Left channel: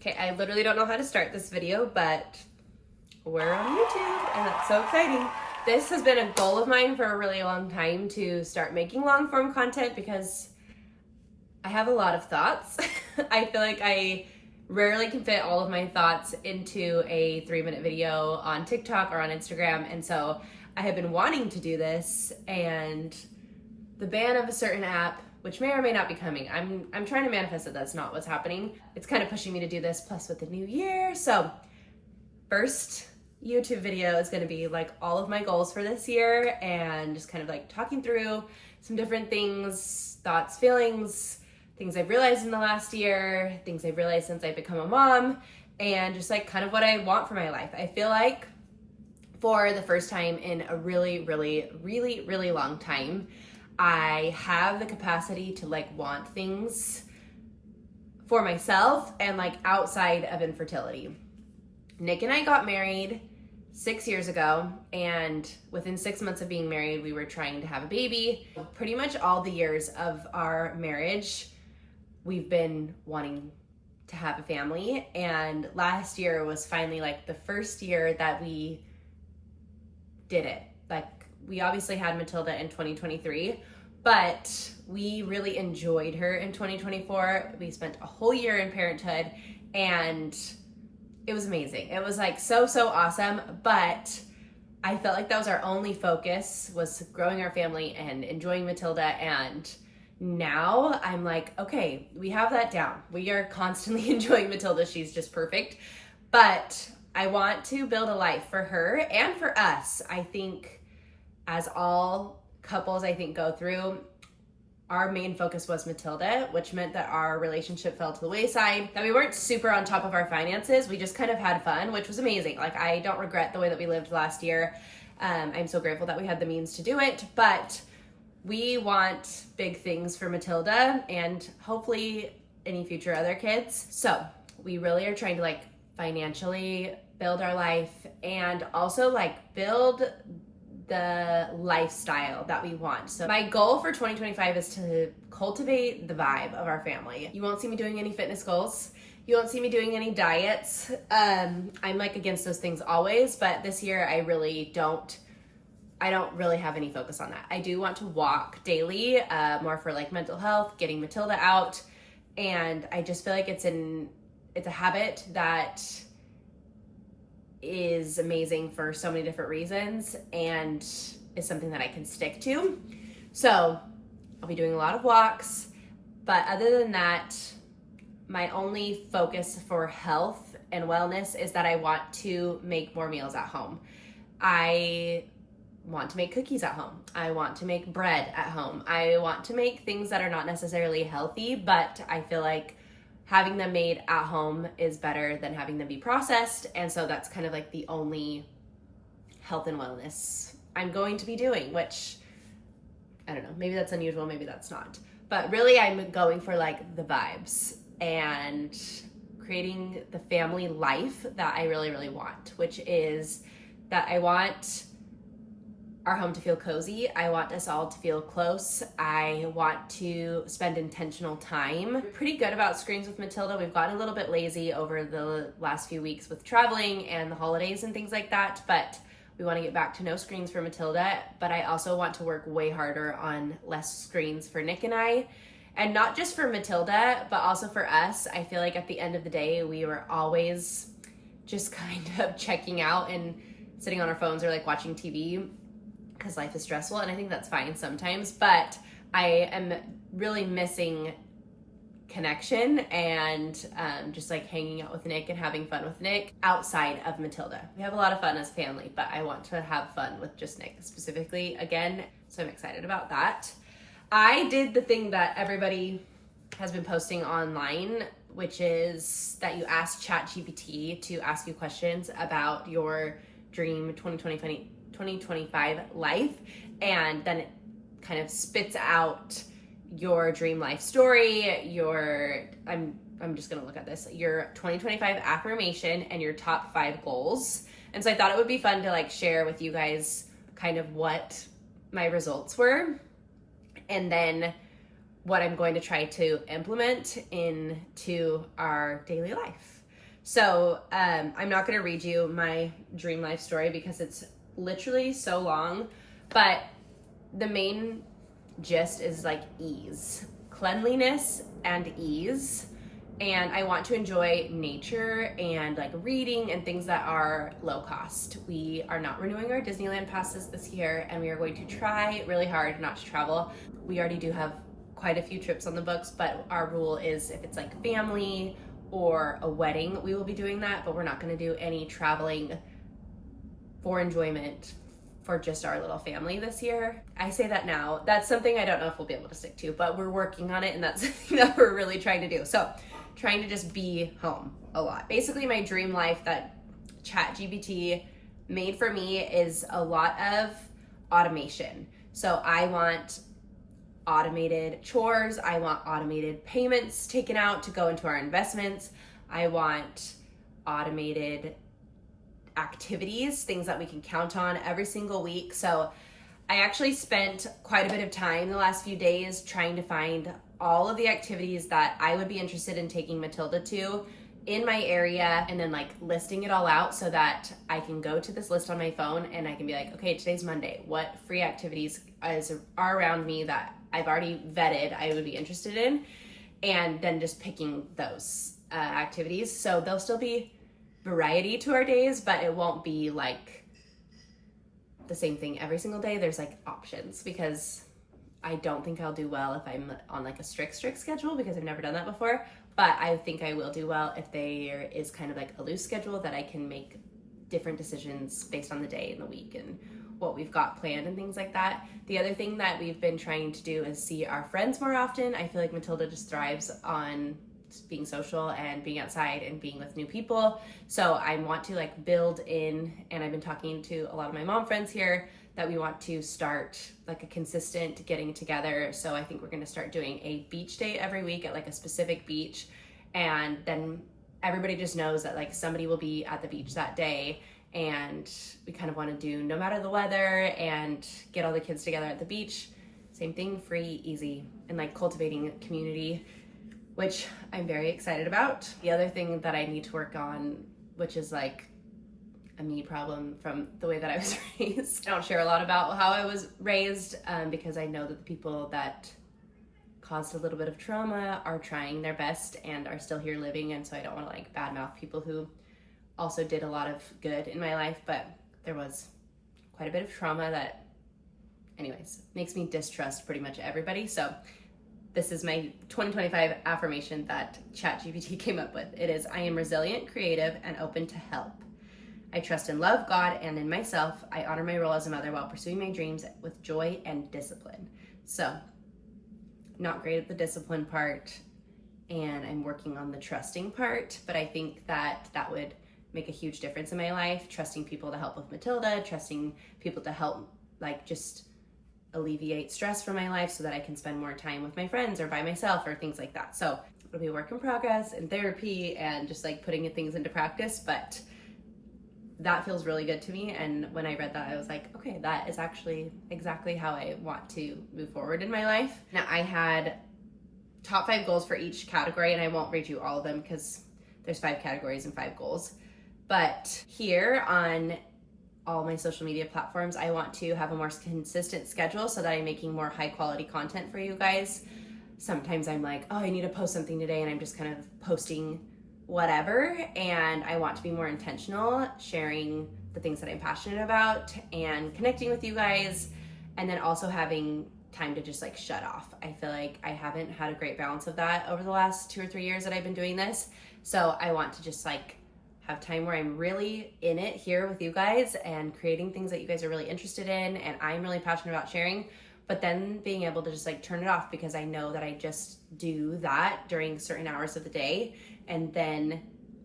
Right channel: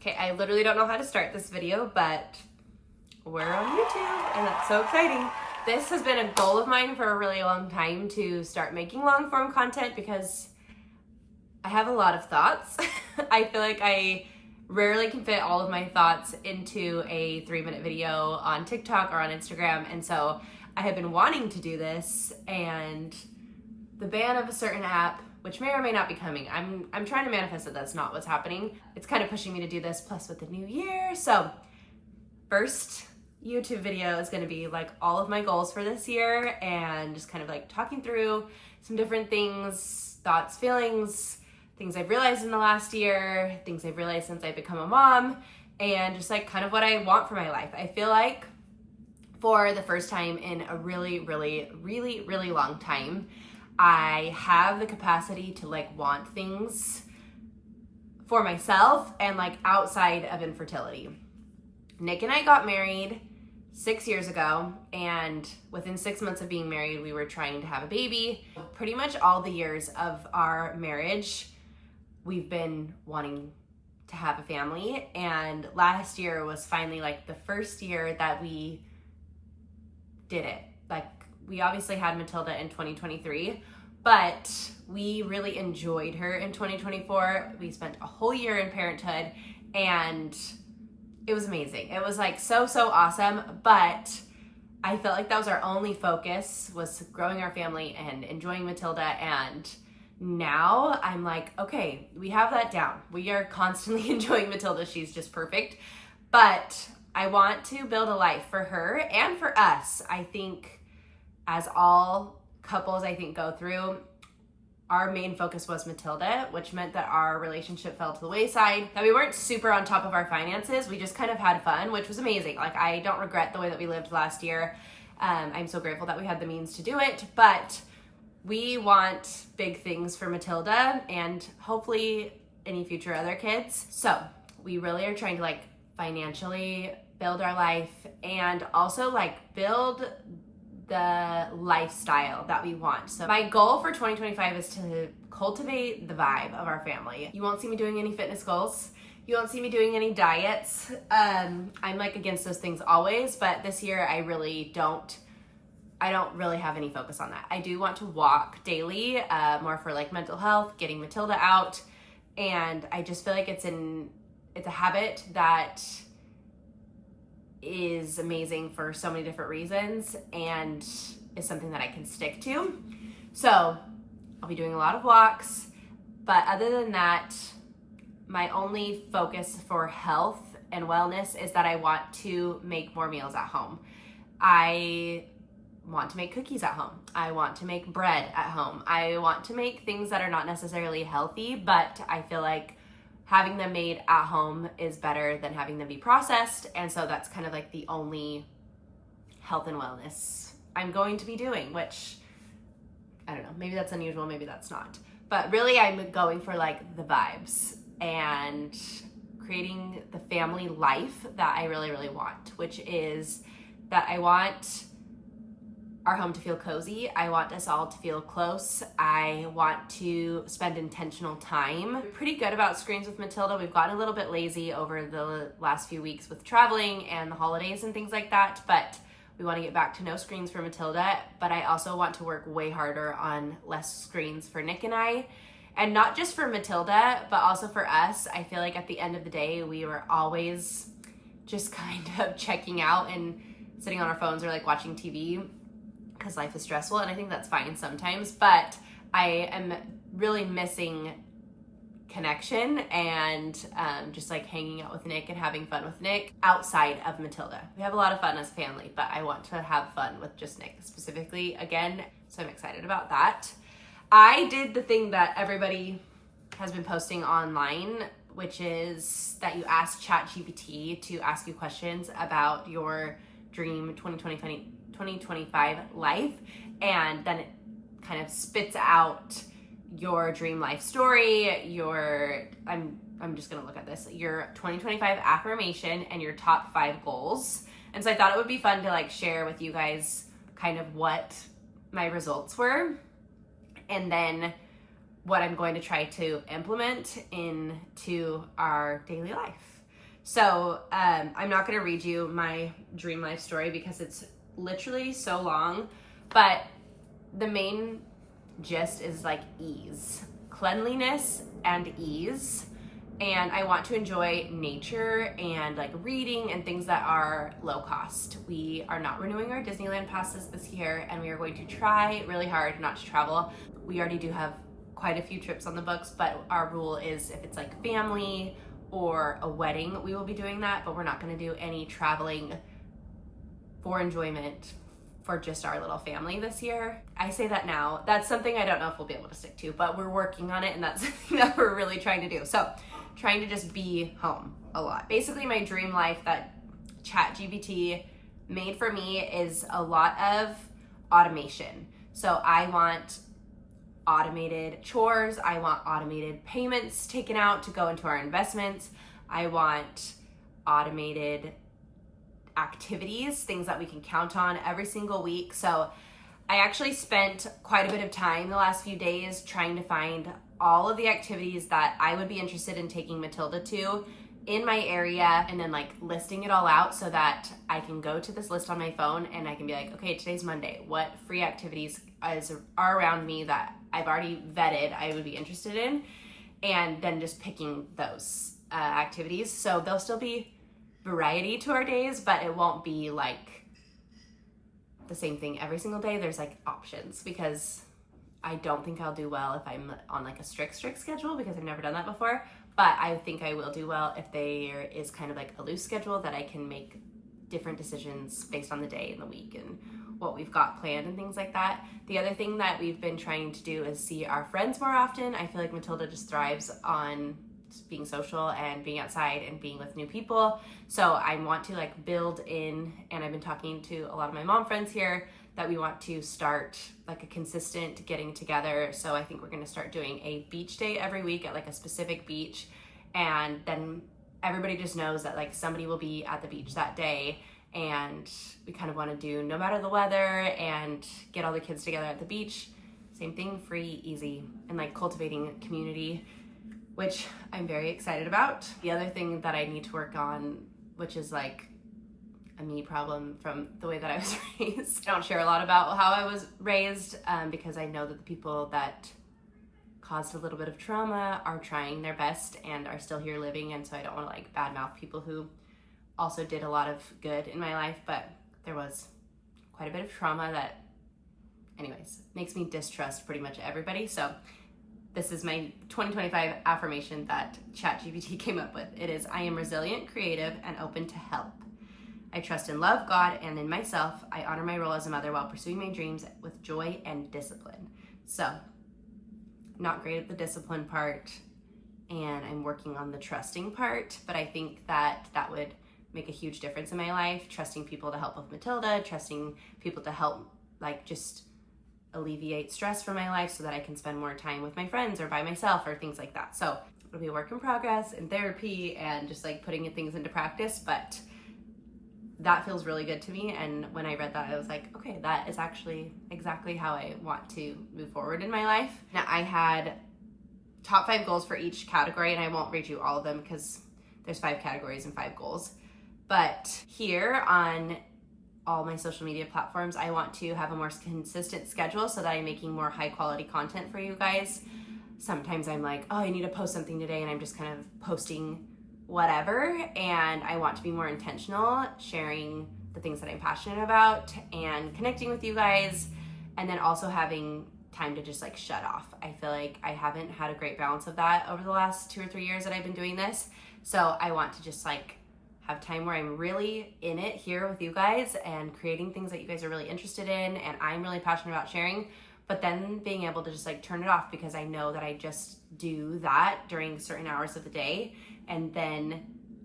Okay, I literally don't know how to start this video, but we're on YouTube and that's so exciting. This has been a goal of mine for a really long time to start making long form content because I have a lot of thoughts. I feel like I rarely can fit all of my thoughts into a 3-minute video on TikTok or on Instagram. And so I have been wanting to do this, and the ban of a certain app, which may or may not be coming, I'm trying to manifest that that's not what's happening. It's kind of pushing me to do this, plus with the new year. So first YouTube video is going to be like all of my goals for this year and just kind of like talking through some different things, thoughts, feelings, things I've realized in the last year, things I've realized since I've become a mom, and just like kind of what I want for my life. I feel like for the first time in a really long time, I have the capacity to like want things for myself and like outside of infertility. Nick and I got married 6 years ago, and within 6 months of being married, we were trying to have a baby. Pretty much all the years of our marriage, we've been wanting to have a family, and last year was finally like the first year that we did it. Like, we obviously had Matilda in 2023, but we really enjoyed her in 2024. We spent a whole year in parenthood, and it was amazing. It was like so awesome, but I felt like that was our only focus, was growing our family and enjoying Matilda. And now I'm like, okay, we have that down. We are constantly enjoying Matilda. She's just perfect. But I want to build a life for her and for us. I think as all couples, I think, go through, our main focus was Matilda, which meant that our relationship fell to the wayside, that we weren't super on top of our finances. We just kind of had fun, which was amazing. Like, I don't regret the way that we lived last year. I'm so grateful that we had the means to do it, but we want big things for Matilda and hopefully any future other kids. So we really are trying to like financially build our life and also like build the lifestyle that we want. So my goal for 2025 is to cultivate the vibe of our family. You won't see me doing any fitness goals. You won't see me doing any diets. I'm like against those things always, but this year I don't really have any focus on that. I do want to walk daily, more for like mental health, getting Matilda out. And I just feel like it's a habit that is amazing for so many different reasons and is something that I can stick to. So I'll be doing a lot of walks, but other than that, my only focus for health and wellness is that I want to make more meals at home. I want to make cookies at home. I want to make bread at home. I want to make things that are not necessarily healthy, but I feel like having them made at home is better than having them be processed. And so that's kind of like the only health and wellness I'm going to be doing, which I don't know, maybe that's unusual, maybe that's not. But really I'm going for like the vibes and creating the family life that I really want, which is that I want our home to feel cozy. I want us all to feel close. I want to spend intentional time. Pretty good about screens with Matilda. We've gotten a little bit lazy over the last few weeks with traveling and the holidays and things like that, but we want to get back to no screens for Matilda. But I also want to work way harder on less screens for Nick and I. And not just for Matilda, but also for us. I feel like at the end of the day, we were always just kind of checking out and sitting on our phones or like watching TV, because life is stressful, and I think that's fine sometimes, but I am really missing connection and just like hanging out with Nick and having fun with Nick outside of Matilda. We have a lot of fun as a family, but I want to have fun with just Nick specifically again, so I'm excited about that. I did the thing that everybody has been posting online, which is that you ask ChatGPT to ask you questions about your dream 2025 life, and then it kind of spits out your dream life story, I'm just gonna look at this, your 2025 affirmation and your top 5 goals. And so I thought it would be fun to like share with you guys kind of what my results were and then what I'm going to try to implement into our daily life. So I'm not going to read you my dream life story because it's literally so long, but the main gist is like ease, cleanliness and ease. And I want to enjoy nature and like reading and things that are low cost. We are not renewing our Disneyland passes this year, and we are going to try really hard not to travel. We already do have quite a few trips on the books, but our rule is if it's like family or a wedding, we will be doing that, but we're not going to do any traveling for enjoyment for just our little family this year. I say that now. That's something I don't know if we'll be able to stick to, but we're working on it, and that's something that we're really trying to do. So trying to just be home a lot. Basically, my dream life that ChatGPT made for me is a lot of automation. So I want automated chores. I want automated payments taken out to go into our investments. I want automated activities, things that we can count on every single week. So I actually spent quite a bit of time the last few days trying to find all of the activities that I would be interested in taking Matilda to in my area, and then like listing it all out so that I can go to this list on my phone and I can be like, okay, today's Monday. What free activities are around me that I've already vetted I would be interested in? And then just picking those activities. So there'll still be variety to our days, but it won't be like the same thing every single day. There's like options, because I don't think I'll do well if I'm on like a strict schedule, because I've never done that before. But I think I will do well if there is kind of like a loose schedule that I can make different decisions based on the day and the week and what we've got planned and things like that. The other thing that we've been trying to do is see our friends more often. I feel like Matilda just thrives on being social and being outside and being with new people. So I want to like build in, and I've been talking to a lot of my mom friends here, that we want to start like a consistent getting together. So I think we're going to start doing a beach day every week at like a specific beach, and then everybody just knows that like somebody will be at the beach that day, and we kind of want to do no matter the weather and get all the kids together at the beach. Same thing, free, easy, and like cultivating community, which I'm very excited about. The other thing that I need to work on, which is like a me problem from the way that I was raised. I don't share a lot about how I was raised because I know that the people that caused a little bit of trauma are trying their best and are still here living, and so I don't want to like badmouth people who also did a lot of good in my life, but there was quite a bit of trauma that, anyways, makes me distrust pretty much everybody. So this is my 2025 affirmation that ChatGPT came up with. It is, I am resilient, creative, and open to help. I trust and love God and in myself. I honor my role as a mother while pursuing my dreams with joy and discipline. So, not great at the discipline part, and I'm working on the trusting part, but I think that that would make a huge difference in my life. Trusting people to help with Matilda, trusting people to help like just alleviate stress from my life so that I can spend more time with my friends or by myself or things like that. So it'll be a work in progress in therapy and just like putting things into practice, but that feels really good to me. And when I read that, I was like, okay, that is actually exactly how I want to move forward in my life. Now, I had top 5 goals for each category, and I won't read you all of them because there's 5 categories and 5 goals. But here on all my social media platforms, I want to have a more consistent schedule so that I'm making more high quality content for you guys. Sometimes I'm like, oh, I need to post something today, and I'm just kind of posting whatever, and I want to be more intentional, sharing the things that I'm passionate about and connecting with you guys, and then also having time to just like shut off. I feel like I haven't had a great balance of that over the last 2 or 3 years that I've been doing this. So I want to just like have time where I'm really in it here with you guys and creating things that you guys are really interested in and I'm really passionate about sharing, but then being able to just like turn it off because I know that I just do that during certain hours of the day, and then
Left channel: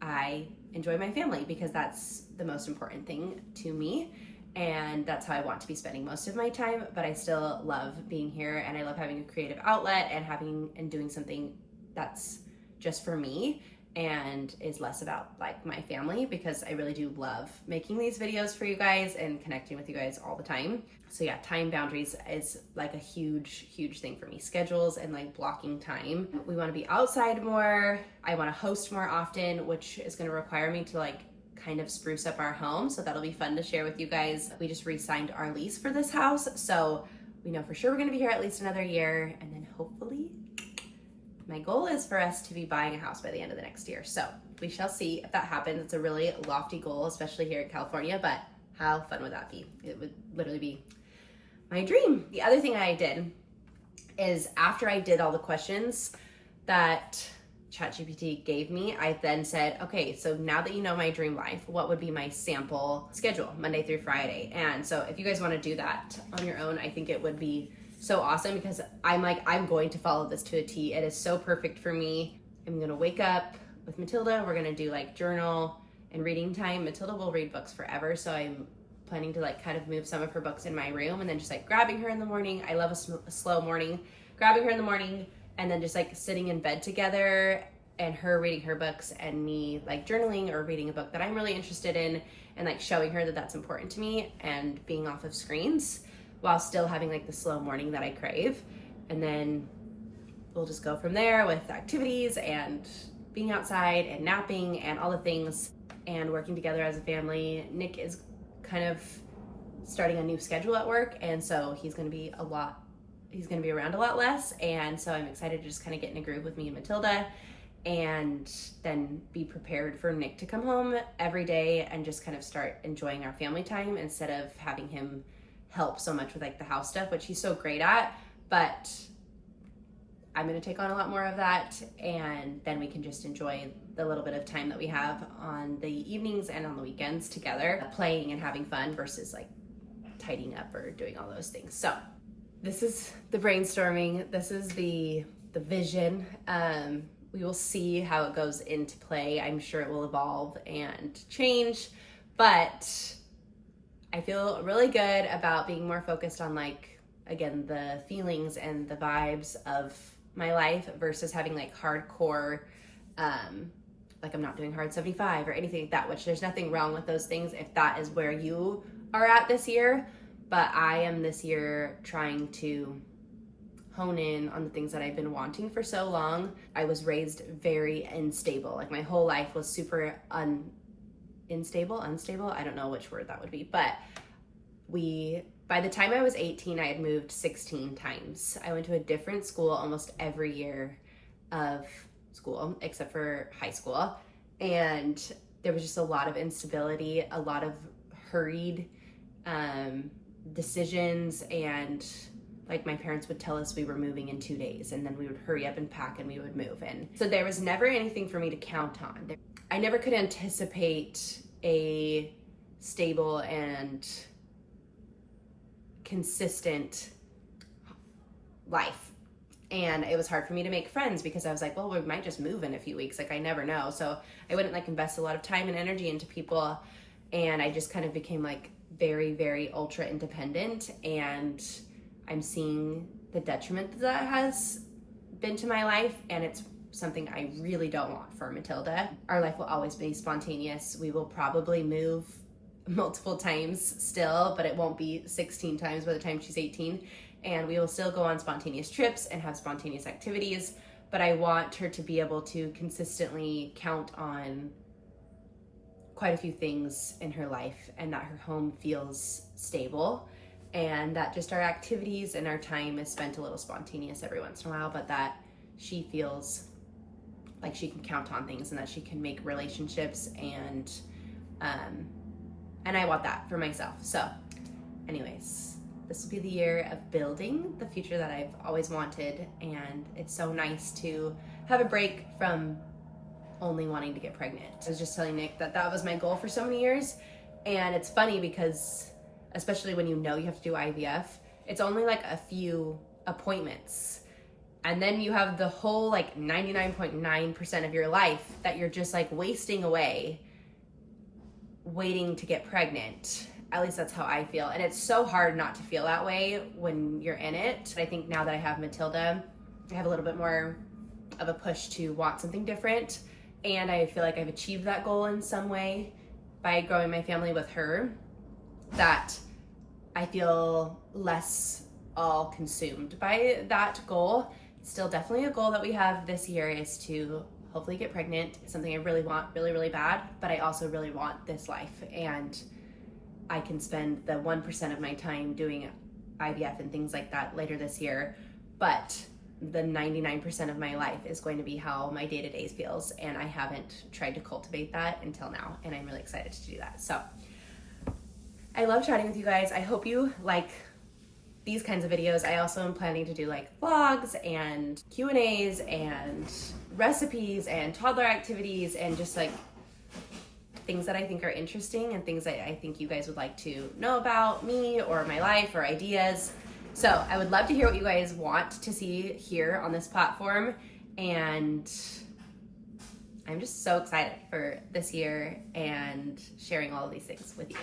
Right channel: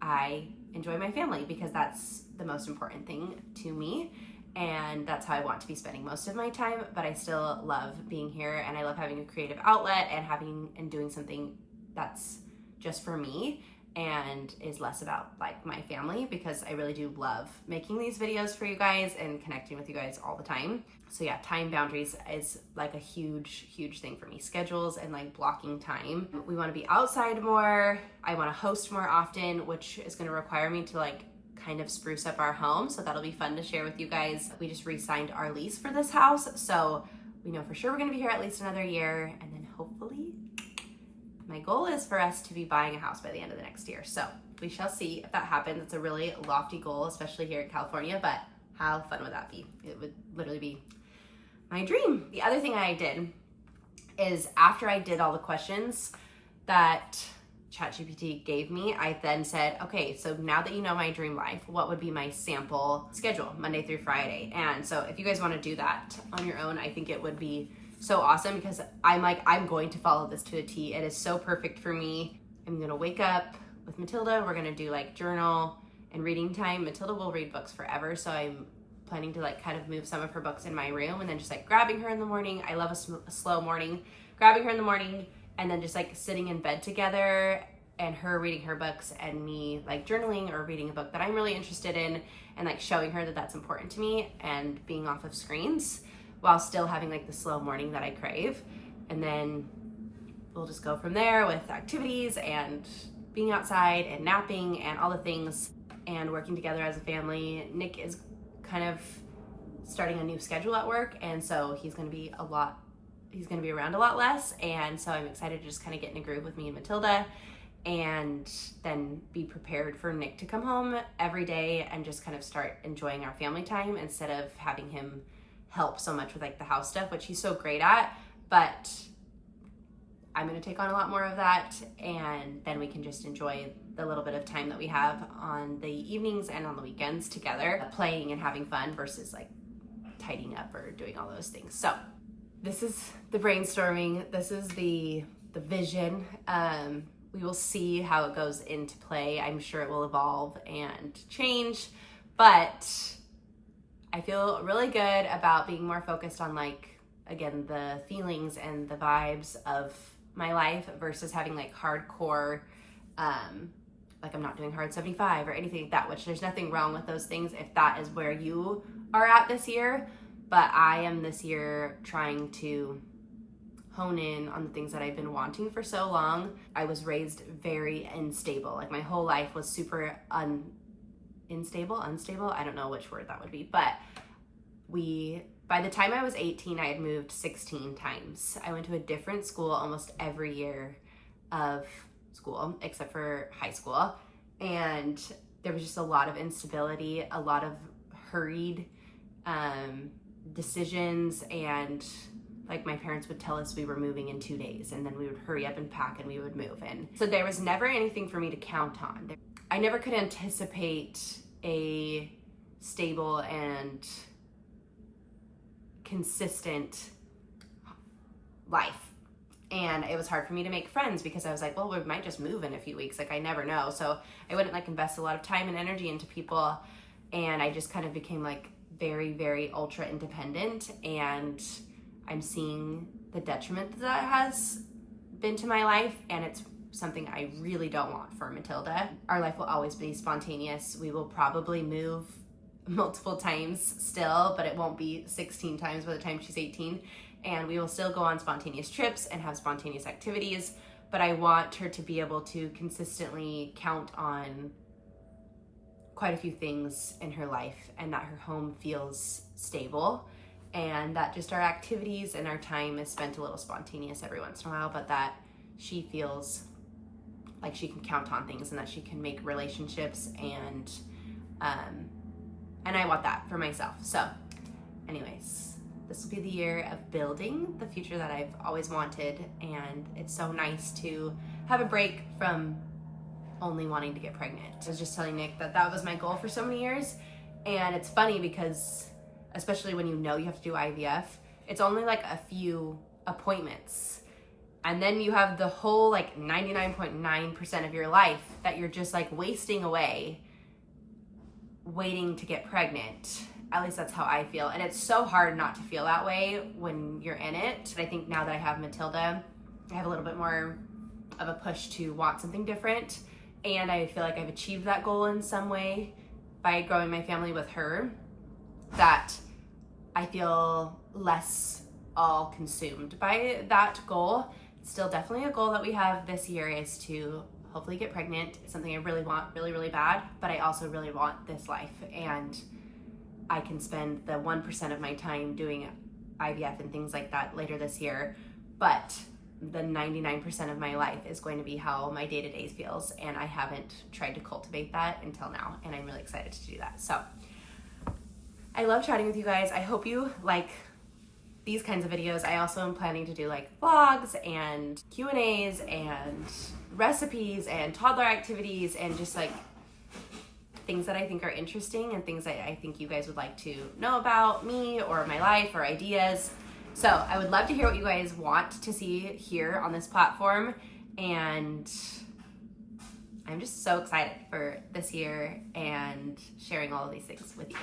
I enjoy my family because that's the most important thing to me, and that's how I want to be spending most of my time. But I still love being here, and I love having a creative outlet and doing something that's just for me. and is less about like my family, because I really do love making these videos for you guys and connecting with you guys all the time. So yeah, time boundaries is like a huge thing for me. Schedules and like blocking time. We want to be outside more. I want to host more often, which is going to require me to like kind of spruce up our home. So that'll be fun to share with you guys. We just re-signed our lease for this house, so we know for sure we're going to be here at least another year, and then hopefully my goal is for us to be buying a house by the end of the next year. So we shall see if that happens. It's a really lofty goal, especially here in California, but how fun would that be? It would literally be my dream. The other thing I did is, after I did all the questions that ChatGPT gave me, I then said, okay, so now that you know my dream life, what would be my sample schedule Monday through Friday? And so if you guys want to do that on your own, I think it would be so awesome, because I'm going to follow this to a T. It is so perfect for me. I'm going to wake up with Matilda. We're going to do like journal and reading time. Matilda will read books forever, so I'm planning to like kind of move some of her books in my room, and then just like grabbing her in the morning. I love a slow morning. Grabbing her in the morning, and then just like sitting in bed together and her reading her books and me like journaling or reading a book that I'm really interested in, and like showing her that that's important to me, and being off of screens while still having like the slow morning that I crave. And then we'll just go from there with activities and being outside and napping and all the things, and working together as a family. Nick is kind of starting a new schedule at work, and so he's going to be around a lot less, and so I'm excited to just kind of get in a groove with me and Matilda, and then be prepared for Nick to come home every day and just kind of start enjoying our family time, instead of having him help so much with like the house stuff, which he's so great at. But I'm going to take on a lot more of that, and then we can just enjoy the little bit of time that we have on the evenings and on the weekends together, playing and having fun, versus like tidying up or doing all those things. So this is the brainstorming. This is the vision. We will see how it goes into play. I'm sure it will evolve and change, but I feel really good about being more focused on like, again, the feelings and the vibes of my life, versus having like hardcore, like I'm not doing hard 75 or anything like that, which there's nothing wrong with those things if that is where you are at this year. But I am this year trying to hone in on the things that I've been wanting for so long. I was raised very unstable. Like my whole life was super unstable. I don't know which word that would be, but by the time I was 18, I had moved 16 times. I went to a different school almost every year of school, except for high school. And there was just a lot of instability, a lot of hurried decisions, and like my parents would tell us we were moving in 2 days, and then we would hurry up and pack and we would move. And so there was never anything for me to count on. I never could anticipate a stable and consistent life. And it was hard for me to make friends, because I was like, well, we might just move in a few weeks. Like I never know. So I wouldn't like invest a lot of time and energy into people. And I just kind of became like very ultra independent, and I'm seeing the detriment that has been to my life, and it's something I really don't want for Matilda. Our life will always be spontaneous. We will probably move multiple times still, but it won't be 16 times by the time she's 18. And we will still go on spontaneous trips and have spontaneous activities, but I want her to be able to consistently count on quite a few things in her life, and that her home feels stable, and that just our activities and our time is spent a little spontaneous every once in a while, but that she feels like she can count on things, and that she can make relationships, and I want that for myself. So anyways, this will be the year of building the future that I've always wanted, and it's so nice to have a break from only wanting to get pregnant. I was just telling Nick that was my goal for so many years, and it's funny because especially when you know you have to do IVF, it's only like a few appointments, and then you have the whole like 99.9% of your life that you're just like wasting away waiting to get pregnant. At least that's how I feel, and it's so hard not to feel that way when you're in it. I think now that I have Matilda, I have a little bit more of a push to want something different and I feel like I've achieved that goal in some way by growing my family with her, that I feel less all consumed by that goal. It's still definitely a goal that we have this year, is to hopefully get pregnant. It's something I really want really, really bad, but I also really want this life, and I can spend the 1% of my time doing IVF and things like that later this year, but the 99% of my life is going to be how my day-to-day feels, and I haven't tried to cultivate that until now, and I'm really excited to do that. So I love chatting with you guys. I hope you like these kinds of videos. I also am planning to do like vlogs and Q&As and recipes and toddler activities and just like things that I think are interesting and things that I think you guys would like to know about me or my life or ideas. So I would love to hear what you guys want to see here on this platform, and I'm just so excited for this year and sharing all of these things with you.